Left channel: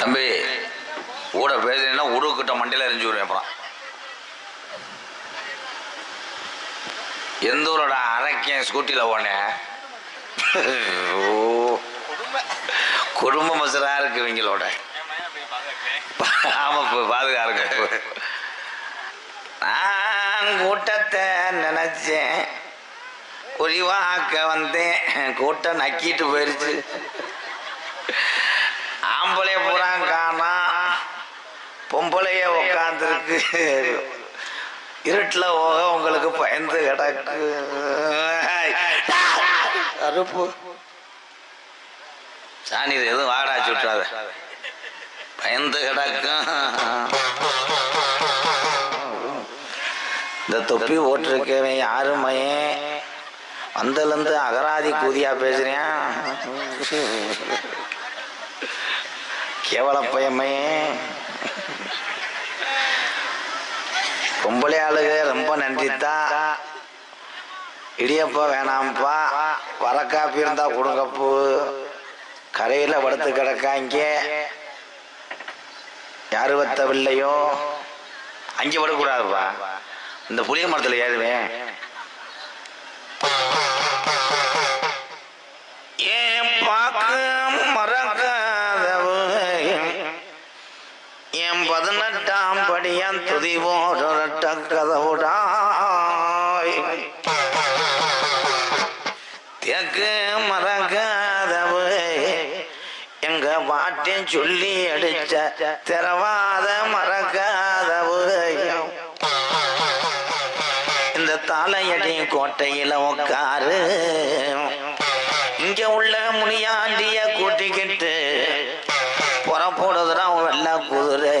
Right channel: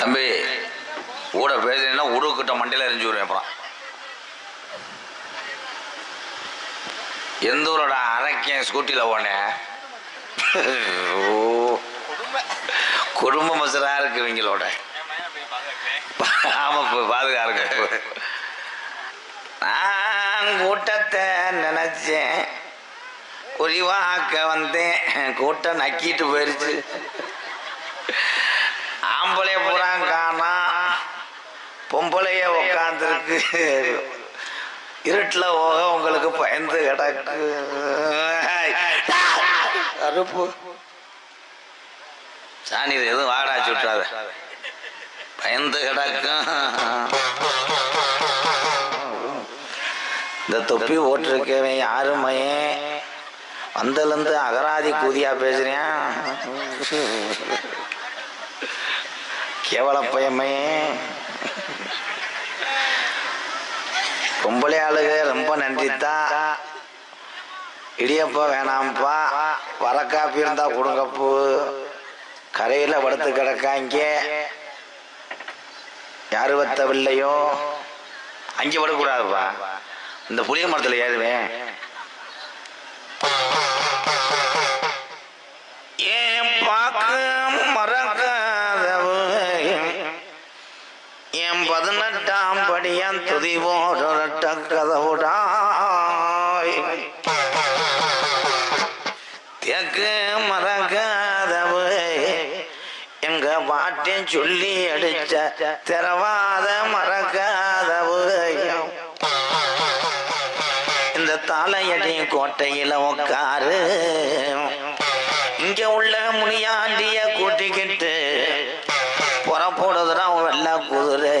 தம்பி கூட பேசுறீங்கன்னா உருக்கிட்ட மண்டையில் எரிஞ்சு விடுவேன். அப்புறம் எந்த ஊரோட அரைக்கேன் ஸ்கூட்டியில் போனேன். குடும்ப மசரா இருக்கு இவங்களோட. ஆமா பாதுகாருங்க. நான் கூட்டத்தை நினைச்சேன், குறிவாக்க வந்தேன், கூட்டம் நக்கிட்டு போயிருச்சு. ஆம்பளைய பூரா காணா, பொம்பளைய உக்காந்துருக்கு. இருட்டில் போக உங்களுக்கு பயந்து கிடக்கு. அறுப்பு சாணி எதுவும் வாடா சுட்டாத, பயந்து கிடக்கும். இந்த தொப்பி ஓட்டிருக்கவன் யாருமையே வந்தலேருந்து அகராதி கூதியா பேசுறேன். கேவல பயமையே. பொம்பளை ஆளுக ரொம்ப நன்றித்தான். இடியப்பா வேணாம்ப்பா, வரக்காப்பி இருந்தா கொடுங்கப்பு. கரையில் படுத்து கிடக்காங்க, யாரு வத்தவில்லையோ அங்கே படக்கூடாதுப்பா. இந்த புளிய மரத்தில் ஏறுவேன். ஏன் பார்க்க மறக்காதவு என் 18ஆம் படியான் துதி போட்ட கதவுடாய். தேக்கு மறக்காதவு எங்க பாட்டின் சொல்லி அடிச்ச திரவாத மறக்காதவு. இந்த தாளையடி கோட்டையில உக்காரு, இங்க உள்ள முனியாண்டிய கூட்டிக்கிட்டு புறப்படுதுதான் வெள்ள குதிரை.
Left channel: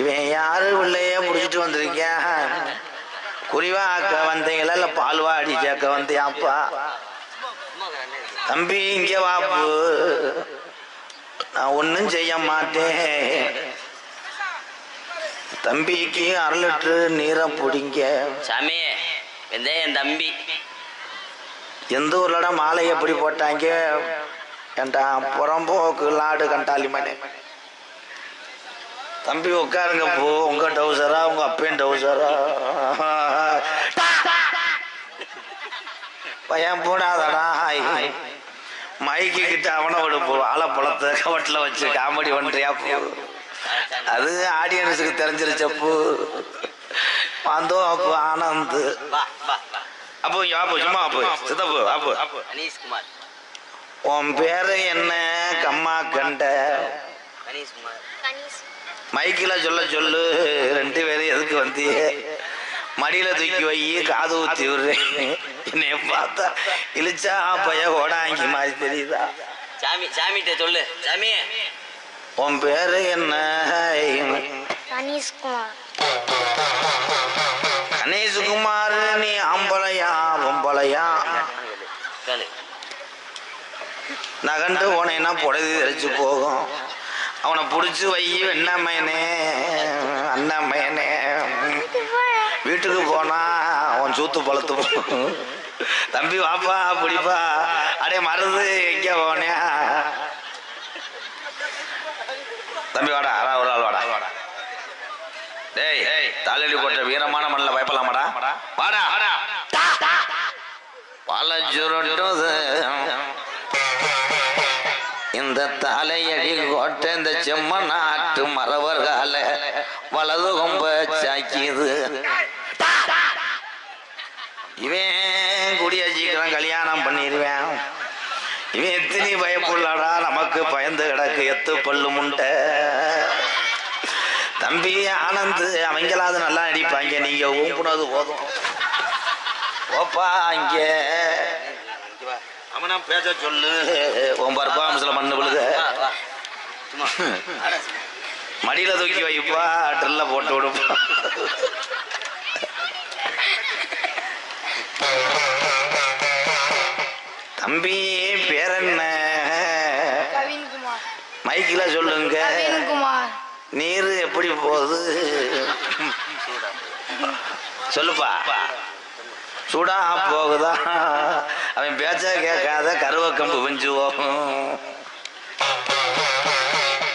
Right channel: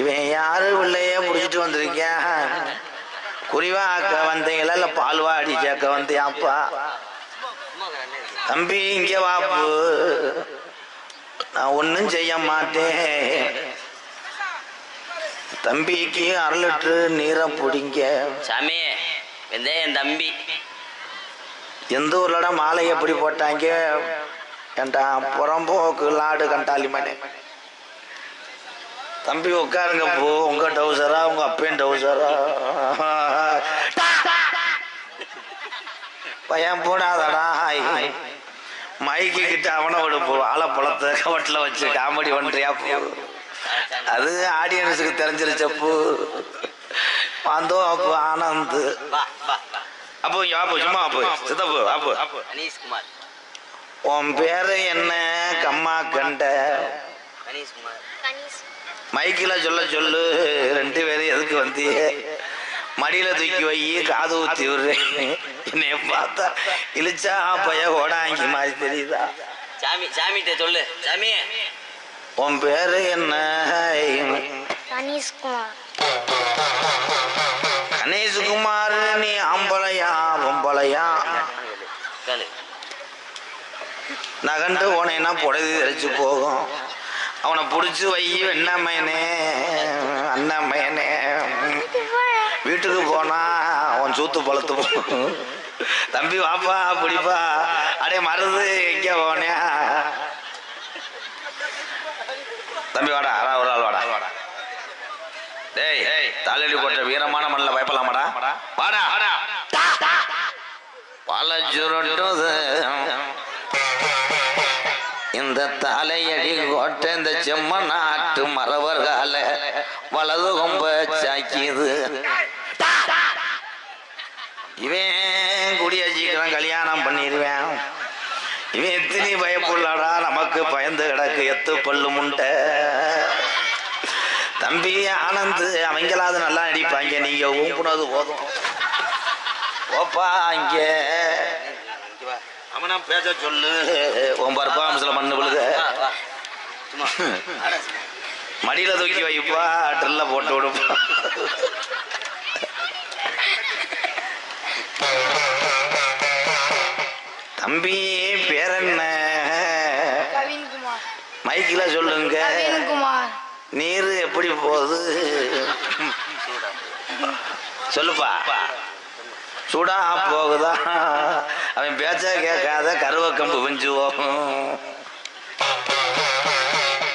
இவன் யாரு பிள்ளைய புடிச்சிட்டு வந்திருக்கேன். குறிவாக்க வந்தீங்களா இல்ல பால்வாடி சேர்க்க வந்தியாப்பா? தம்பி இங்க வாப்பு, நான் ஒன்னும் செய்ய மாட்டேன். தம்பிக்கு 1/2 லிட்டரு நீரை பிடிங்க சாமி. என் தம்பி எந்த ஊர்லடா மாலை எப்படி போட்டாங்க? ஏண்டா புறம்போக்கு லாடு கண்டாலி மணி. தம்பி உட்காருங்க போ. உங்க டவுசரா உங்க அப்பையும் டவுசரா? பையன் போடாதடா. மைக்கு கிட்ட அவனை விடு போ. ஆலப்பழத்தை கவட்டில் வச்சு காமெடி பண்றியா போ. அது ஆடியன்ஸுக்கு தெரிஞ்சிருச்சப்பு. வந்தோ அப்போ ஆனந்த். அப்போ யாப்பு சும்மா அப்போ சித்தப்பு அப்போ கணேஷ்குமார். உன் பேரு என்ன? கம்மா கண்ட மைக்கில் சொல்ல சொல்லு. 2 பேரும் எதுக்கு வந்திய? மடியில தூக்கி வை, காது ஊத்தி விடுறேன். என்னைய பார்த்தா இழிச்சா பைய ஓடாங்கி மாதிரி தெரியுதா? சாமி சாமிகிட்ட சொல்லு. சாமி உன் பேரு என்ன? கணேஷ்குமார். கணேஷ்குமார். நீ ஆம்பளையா பொம்பளையா? நகண்டு போனேன்னா புடவை தெரிச்சு போகும். அவனை பிடிச்சி வை. என்னம்மையனே அண்ணம்மையனே. வீட்டுக்கு போனா அவன் சூத்து பழுத்து போகும். தம்பி வாப்பா பிடிப்பா. அடே மருது எங்க போனியா? தம்பி வாடா, ஒரு ஆள் வாடா. டேய் தாலடி போட்ட வீரமான மண்ணில் பயப்படலாமாடா? வாடா பல சுருட்டு இந்த தலையடி கோட்டை இந்த செம்ம நாட்டு மறவர்கால வலது கொம்ப சாக்கிது. இவன் குடிய சீக்கிரம் கல்யாணம் பண்ணிடுவேன். இவன் எத்தனி பயப்புள்ளாடா, நமக்கு பயந்து கிடக்கு எத்து பல்லு முண்டை. தம்பி ஆனந்த் அவங்களாவது நல்லா நடிப்பாங்க, நீங்க ஊம்புனது போதும். ஓப்பா இங்க அவனா பேச சொல்லு. உன் பர்பாமஸ்ல மண்ணு விழுக. மடியில தூக்கி வைப்பா, ட்ரில்ல போட்டு விடுப்பா. தம்பி பேர் என்ன? மைக்கில் சொல்லுங்க. கவின்குமார். நீர் எப்படி போகுது சொல்லுப்பா. சூடா போகுதா? அவன் பேச்ச கேட்காத கருவக்கம்பு பிஞ்சு போகும்.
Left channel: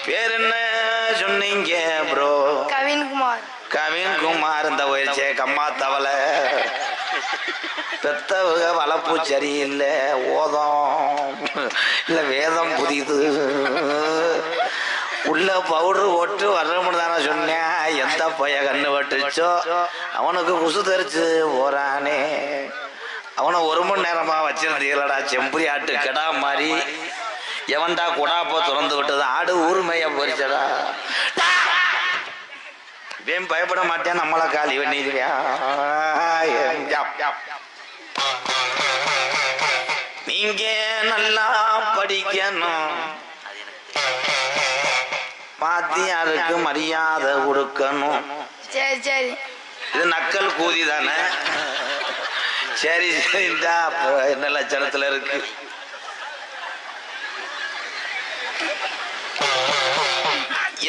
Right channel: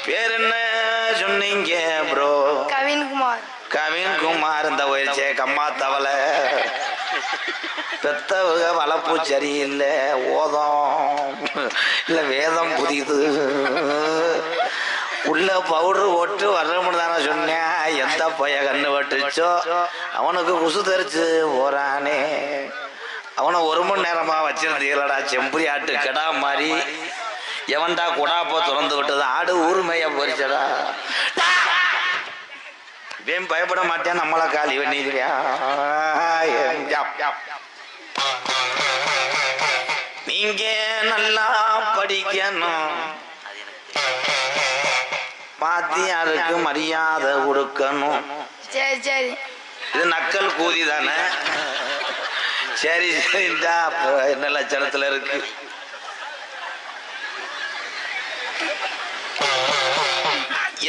பேர் என்ன சொன்னீங்க ப்ரோ? கவின்குமார். கவின்குமார். இந்த வயசே கம்மா தவளை பெத்தவங்க வளர்ப்பு சரியில்லை, ஓதம் இல்லை வேதம் புரியுது. உள்ள பவுடர் போட்டு வரணும்னு தானே சொன்னேன். எந்த பைய கண்ணு பட்டுச்சோ அவனுக்கு குசு தெரிச்சு போறானே. அவனை 1 மணி நேரமா வச்சிருந்தீங்களடா செம்புரி ஆட்டு கெடா மாதிரி. எவன்டா குடாப்போ திறந்து விட்டது? ஆடு ஊர்மைய போரிச்சடா. வேம் பயப்பட மாட்டேன், நம்மளை காலி பண்ணிடுவியா? நீங்க நல்லா படிக்கணும், பாத்தியாருக்கு மரியாதை கொடுக்கணும். சரி சரி. இது நக்கல் கூதி தானே? சரி சரிண்டா. என்ன லட்சணத்துல இருக்கு?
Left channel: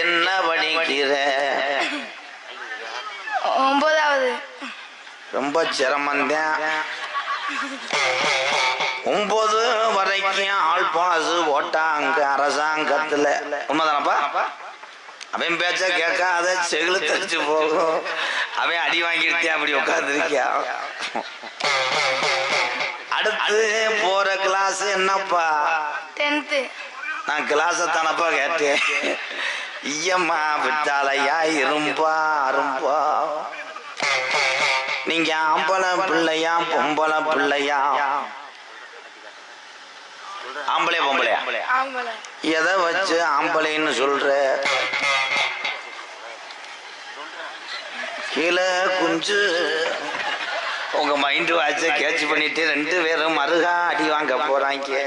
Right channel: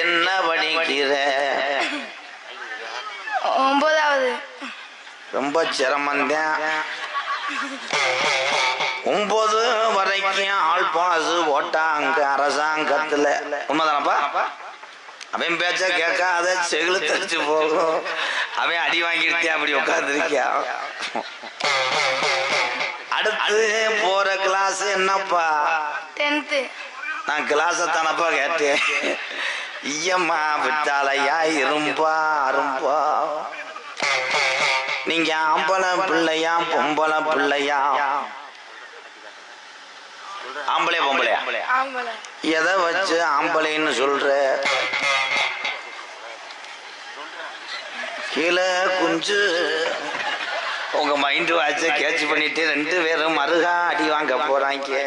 என்ன படிக்கிற? 9வது. ரொம்ப சிரமந்தான். 9 வரைக்கும் ஆள் பாசு போட்டாங்க அரசாங்கத்துல. உண்மைதானப்பா? அவன் பேச்ச கேட்காத செகுல தச்சு போகும். அவன் அடி வாங்கிருத்தியா அப்படி உட்காந்துருக்கியா? அடுத்து போற கிளாஸ் என்னப்பா? 10th. நான் கிளாஸ தானப்பா கேட்டேன். ஐயம்மா விட்டாலையா இரும்பா அரும்பா. நீங்க ஆம்பளை பிள்ளையா பொம்பளை பிள்ளையா? ஆம்பளையா பொம்பளையா? ஆம்பளை. எதை வச்சு ஆம்பளைன்னு சொல்ற? கீழே குஞ்சு உங்க மைண்ட் வாட்ச கேட்ச் பண்ணிட்டு 2 பேரும் மருகா அடி வாங்க போறாங்க.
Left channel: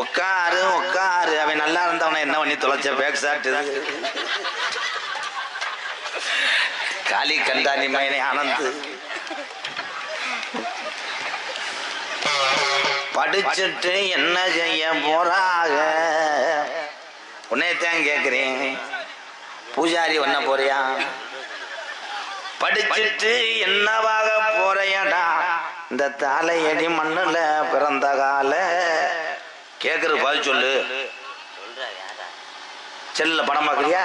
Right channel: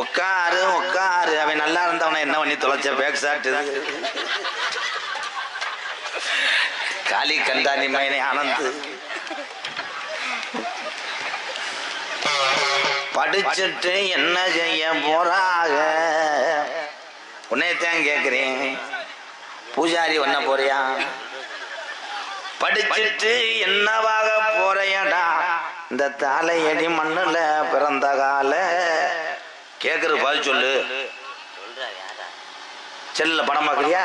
உட்காரு உட்காரு. அவன் நல்லா இருந்தவன என்ன பண்ணி தொலைச்ச? பேக் சாட்டுது காலி கண்டானி மயனே ஆனந்து. படிச்சுட்டு என்ன செய்ய போறாக? உன்னைத்தான் கேக்குறேன். பூஜாரி பண்ண போறியா? படிச்சுட்டு என்னவாக போறையடா? இந்த தாலையடி மண்ணுல பிறந்த கால கேக்குறது பதில் சொல்லு. செல்ல படம் பாக்குறியா?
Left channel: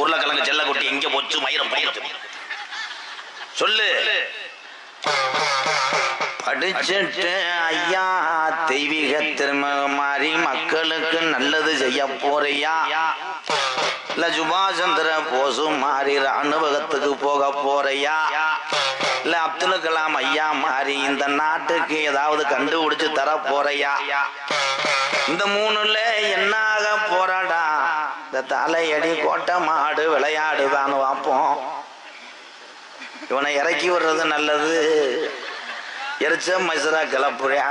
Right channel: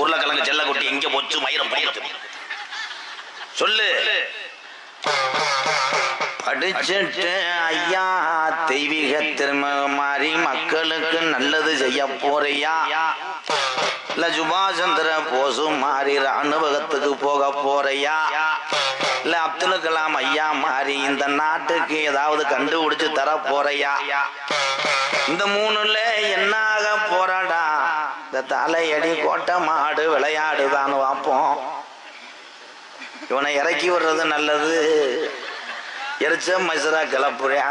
உருளைக்கிழங்கு செல்ல கொட்டி எங்க போச்சு மயிரம் போயிடும் சொல்லு. படிச்சுட்டு ஐயா தெய்வீக திரும்ப மாதிரி மக்களுக்கு நல்லது செய்ய போறியா? இல்ல சுபாஷ் சந்திர போஸ் மாதிரி ராணுவகத்துக்கு போக போறியா? இல்ல அப்துல் கலாம் ஐயா மாதிரி இந்த நாட்டுக்கு ஏதாவது கண்டுபிடிச்சு தர போறியா? இந்த 3ல என்னாக போறாடா? இந்த தலையடி கோட்டை மாடு விளையாடுதான்னு பார்ப்போம். இவனை இறக்கி விடுறது நல்லது, எரிச்ச மைசரா கிளப்புறியா?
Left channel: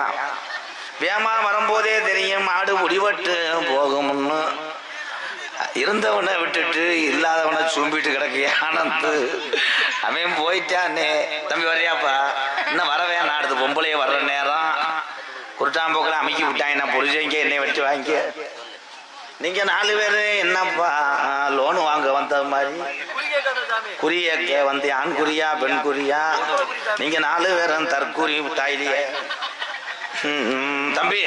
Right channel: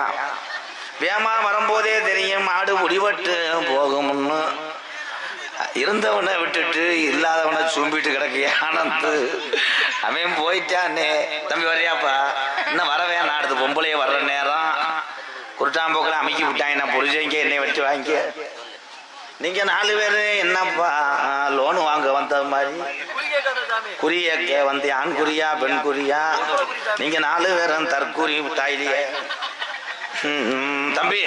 வேமா வரும்போதே தெரியும் மாடு முடிவட்டு போகும்னு. இருந்தவனை விட்டுட்டு இல்லாதவனை சும்பிட்டு கிடக்கு ஆனந்து. அவன் போயிட்டானே. தம்பி வர்றியாப்பா? இன்னும் வரவே நாடுது. பொம்பளைய வர்ற நேரம் குருட்டாம்போக்கில் அமைக்கி விட்டாங்க. நான் புரிஞ்சவங்க என்னை வச்சு வாங்க. நீங்க 4 பேரு என்னப்பா லோனு வாங்க வந்த மாதிரி குறிய வந்து ஆண் குறியா பெண் குறியா? நீங்க 4 பேரும் தற்கூறி தாயிலேயே. தம்பி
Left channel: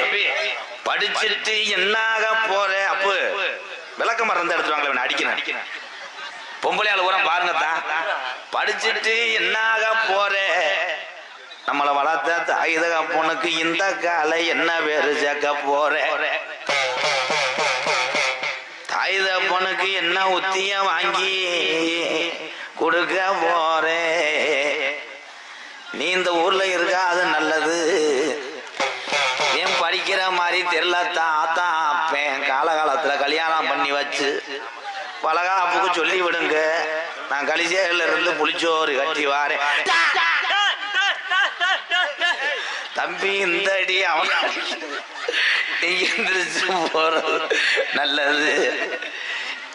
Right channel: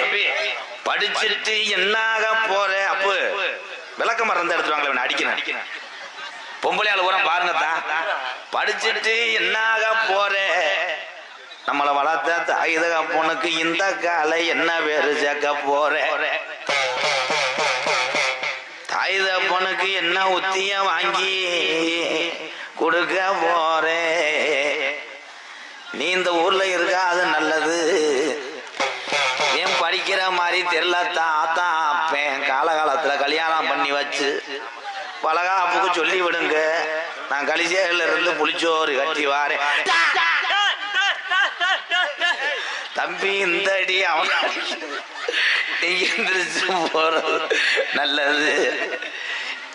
படிச்சுட்டு என்னாக போற? அப்பு விளக்க மறந்து எடுத்துவாங்களே அடிக்கிறேன். பொம்பளையால பூரா பாருங்கத்தான். படிச்சுட்டு என்னாக போற? நம்மளை வளர்த்த தாயுத பொண்ணுக்கு இந்த காலை என்ன பேரு சேர்க்க போற? தாயுத பொண்ணுக்கு என்ன உத்திய வாங்கி கொடுக்க போற? நீ இந்த ஊர்ல இருக்க அது நல்லது. ஏன் படிக்கிற மாதிரி தெரியலத்தான் ஆத்தான் அப்பேன் காலகாலத்துல கல்யாணம் பண்ணி வச்சு பலகாப்புக்கு சொல்லி விடுங்க. நான் கலிசேரில இருந்து புளிச்சோறு கட்டி வாரேன். தம்பி இந்த அடி அவன் எந்திரிச்சு போறது நல்லது.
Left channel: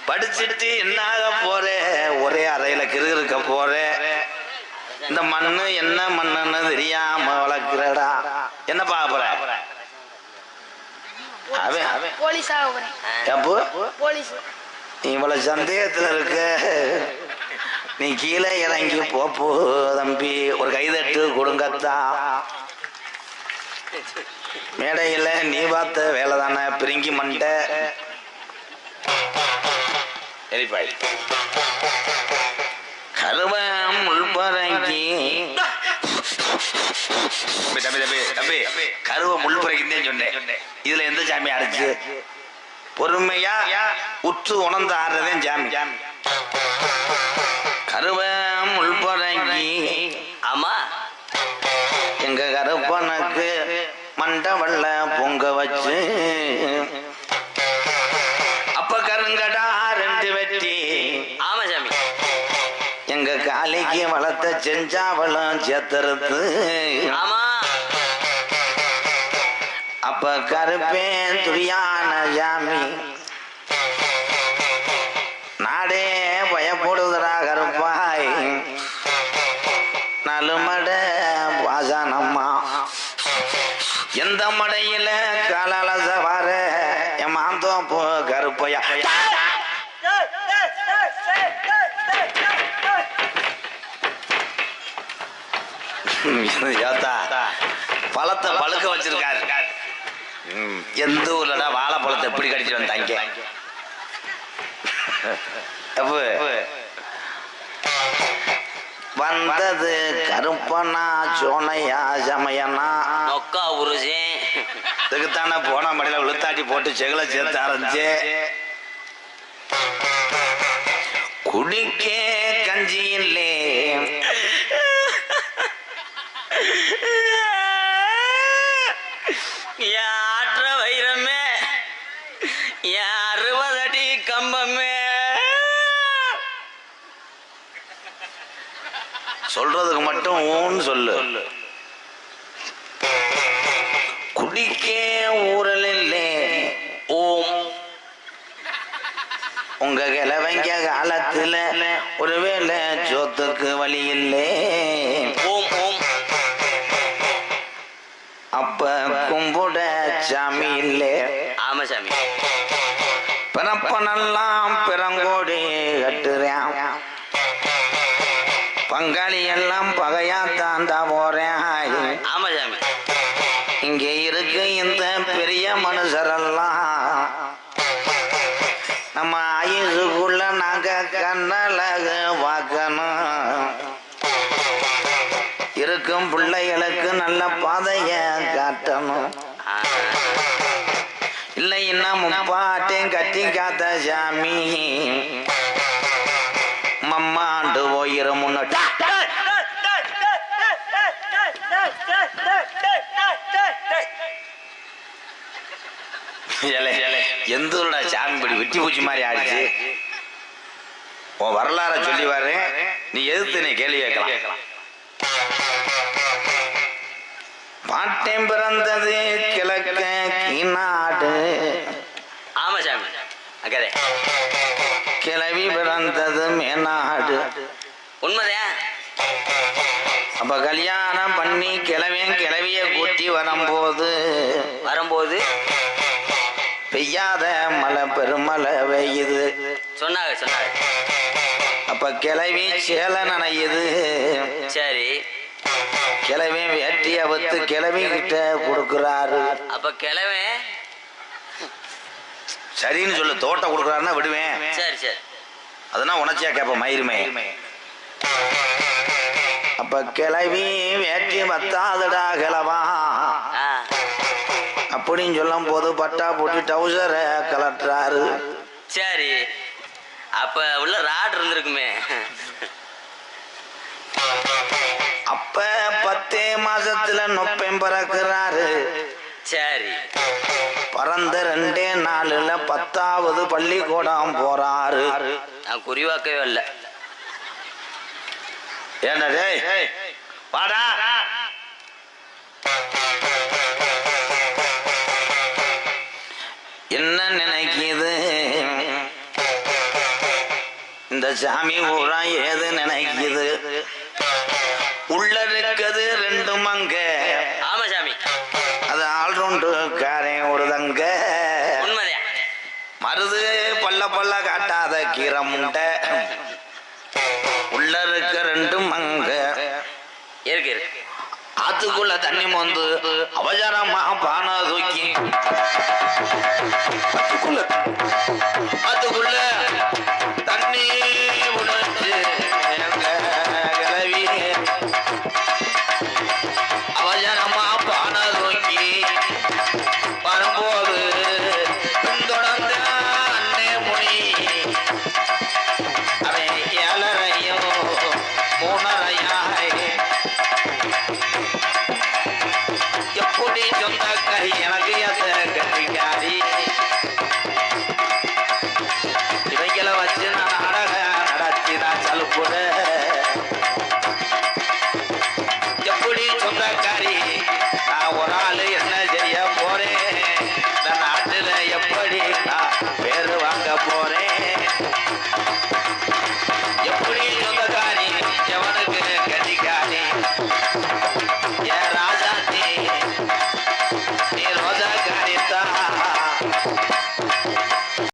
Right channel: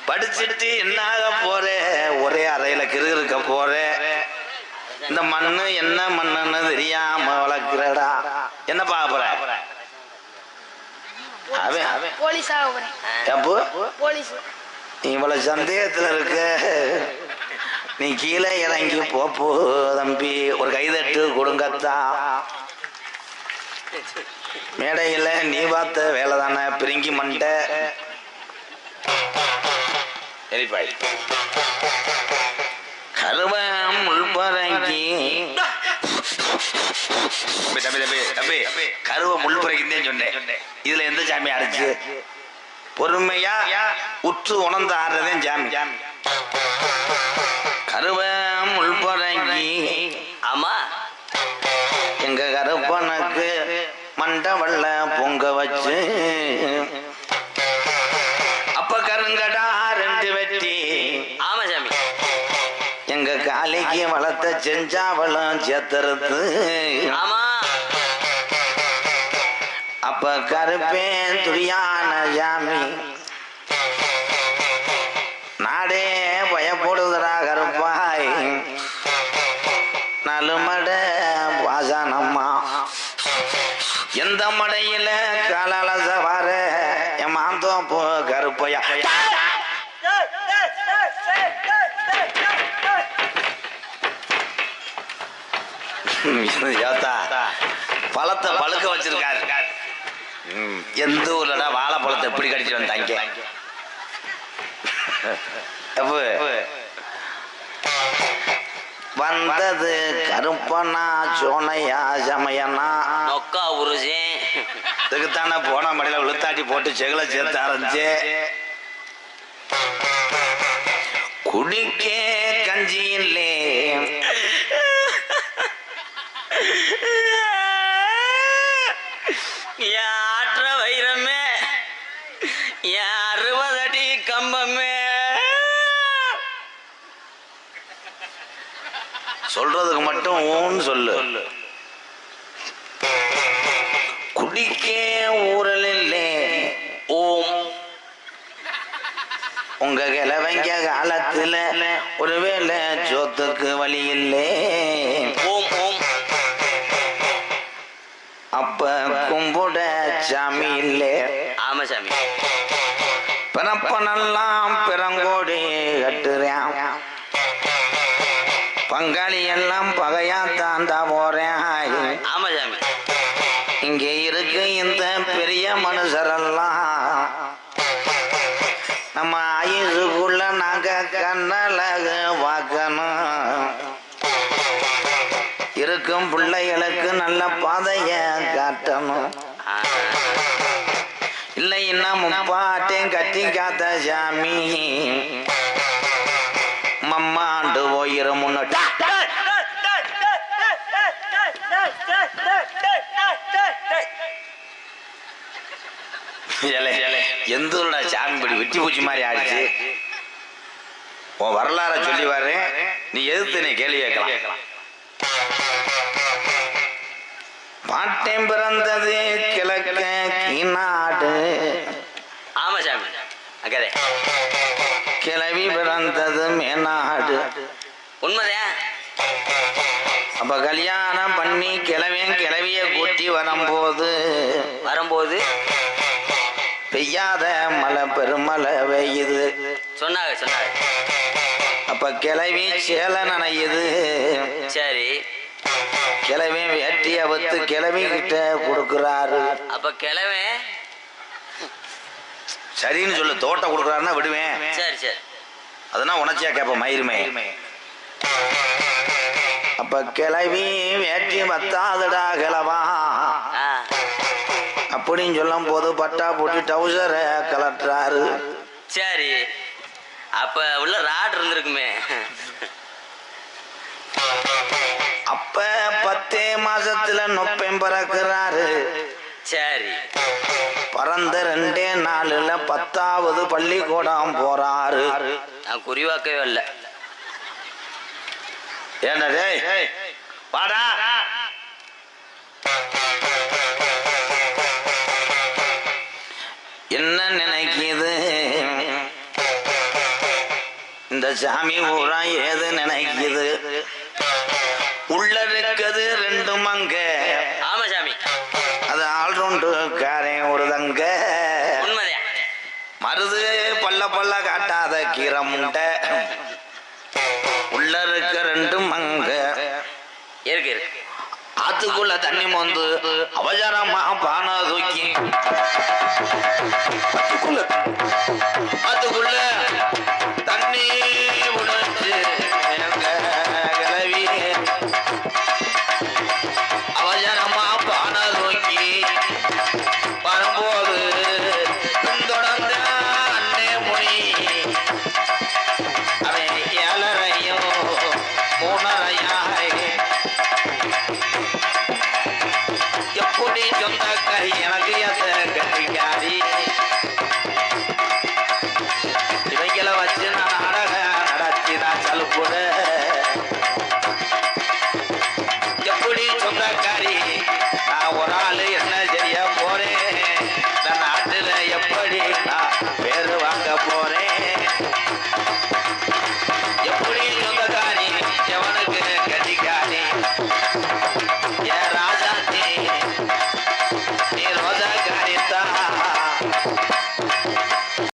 படிச்சுட்டு என்னாக போற? ஒரே அறையில கிருக்க போற. இந்த மண்ணு என்ன மண்ணுன்னு தெரியாம வளர்க்கிறடா. என்ன பார்க்க போற? அவன் போலீஸ் ஆக போறேன். அப்போ போலீஸ். நீ இவ்வளவு சந்தேகத்துல இருக்க, நீ கீழே இறங்கி போப்போ தம்பி, ஒரு கைதட்டு கொடுங்கத்தா. மேடையில் நீ பார்த்த வேலை தானே பிரிங்கி மண்டை எரிப்பாய் கருவம் உள்பறங்கி கருவ முள்புரைக்குன்னு சொன்னேன். இதுல எந்த சாமி அடைச்சு பொறுமையா உற்று உணர்ந்து ஆடுறதே சாமி. கருவ முள்பறங்கி ஆமா எங்க கருப்பனுக்கு மண்டவள்ள பொங்க வச்சு அப்ப கருங்கடா 2 வெட்டி. ஆமா சாமி. எங்க காலைக்கு வளர்த்த செஞ்சாவளம் சேத்தறுத்து. ஆமா. அப்ப கருப்பேன் துரியான சாமி நாடே பயப்படுதுரா கருப்பாய். நலுமட வாசனம்மா எந்த மடையில காலால சவார என் மாந்தோப்பு கருப்பையா. பழத்தை பழுக்க வச்சிருக்காரு. எந்த ஊர்லடா வாழைப்பழத்தை எப்படி கடிச்சிட்டு வந்தாங்க? வந்தது கருப்பனா சோனையா சமையனா நொக்கா உருசே. இதுக்குத்தானே போன மடையில விழுத்தாட்டி போட்டு செகலை சேர்த்து ஆரம்பிச்சு குடிக்கே கஞ்சி இல்லே. ஆற்ற வைரமே, 60 அடி கம்பமே. சொல்றதுக்கு மட்டும் ஊன்னு சொல்லு. குடிக்கே ஊரல் இல்லே ஓம். உங்க கிழவங்க காலத்துல ஒருவேளை சோத்துக்கு வழி இல்லே ஓம் ஓம். அப்ப கும்புட சாமி இல்லே. ஆமா சாமி. பிறப்பனெல்லாம் பிறங்கோடி கட்டுறேன், பங்காளி எல்லாம் பகையா தாண்டா போறேன். ஆமா சாமி. இங்க இருக்கு இந்த பெரிய மனுஷரெல்லாம் நம்ம ஆயுசுக்குள்ள நாங்க கண்ணழகு பார்க்கணும். இருக்கும் பிள்ளைகளுக்கு நல்ல பாதைய காட்டணும். இல்லை இன்னும் முப்பாட்டையும் கட்டி காத்த சாமி மம்மாண்டு போயிரு முன்னாடி. எந்த சாமி படி வெட்டி பூச்சி மாதிரி ஆயிடுச்சு. உன் வரலாற சொல்லி வர்றேன், நீ எதிர்த்து நீ கேள்வி கேட்கலாம். பாட்டேன் பிறந்தது கிழக்க கீநாடு. ஆமா சாமி. அக்கதே. கிளவி பிறந்தது மேநாடு. உண்மைதான். அப்ப கல்யாணம் பண்ணி கிளவிய கூட்டி வரும்போது பெய்யாத மழை பெருமழை பெய்யுது. சொன்னாங்க. அப்ப கிளவி சேலை நனையுது. சரி. கிளவி வேட்டிய வத்து கிளவி கிட்ட கொடுக்குறாரு. அப்ப கிழவே சரின்னு சொல்லு. தோட்ட கொடுக்குறாருன்னா விடுவேன். சரி. அதெல்லாம் உணர்ச்சியா கேப்ப மயிருமே. அப்ப கிளவி வேட்டி வத்தாதுடா கிளவா அப்படின்னு சொல்லும் போது பட்டா போட்டு டவுசரை கலட்டுறாரு. சரி. அப்ப உள்ள ராட் இருந்திருக்குமே. அப்ப 10 மாசத்துல நொப்பம் பறக்கிறாரு. சரி. பறந்த 2 நாளுல 10வது பள்ளிக்கூடம் போறாரு. நான் குறிவாக்கவே இல்லை. ஏண்டா டேய் வாடா. என்ன நினைக்குது இந்த சாமி ஊரா ஏது நினைக்குது? உள்ள இருக்குது 2 மங்க. ஆமா சாமி. அது ஆல்ரவுண்டு காரன் ஒரு தங்க. கீரை முண்டை உள்ள இருக்க ரெண்டு மங்க இருக்கு இருக்கு. அதுக்குள்ள தண்ணி மொந்து அவசரமா பானை தூக்கி அதுக்குள்ள தண்ணி உணர்ந்து கிளவி அவசரமா பானை தூக்கி வரும்போது பின்தொடர்ந்த அண்ணே முனி அவன் 7:30 3:30 எப்படி சொந்தக்காரி எனக்கு கட்டிக்காரி இவைகளை வச்சு நான் நாடகம் நடத்தி நான் சலுப்புட எப்படி சொந்தக்காரி நான் ஒரு ஆள் என்ன செய்ய போறேன் இந்த நாட்டில் எப்படி நான் பேரு வாங்க போறேன்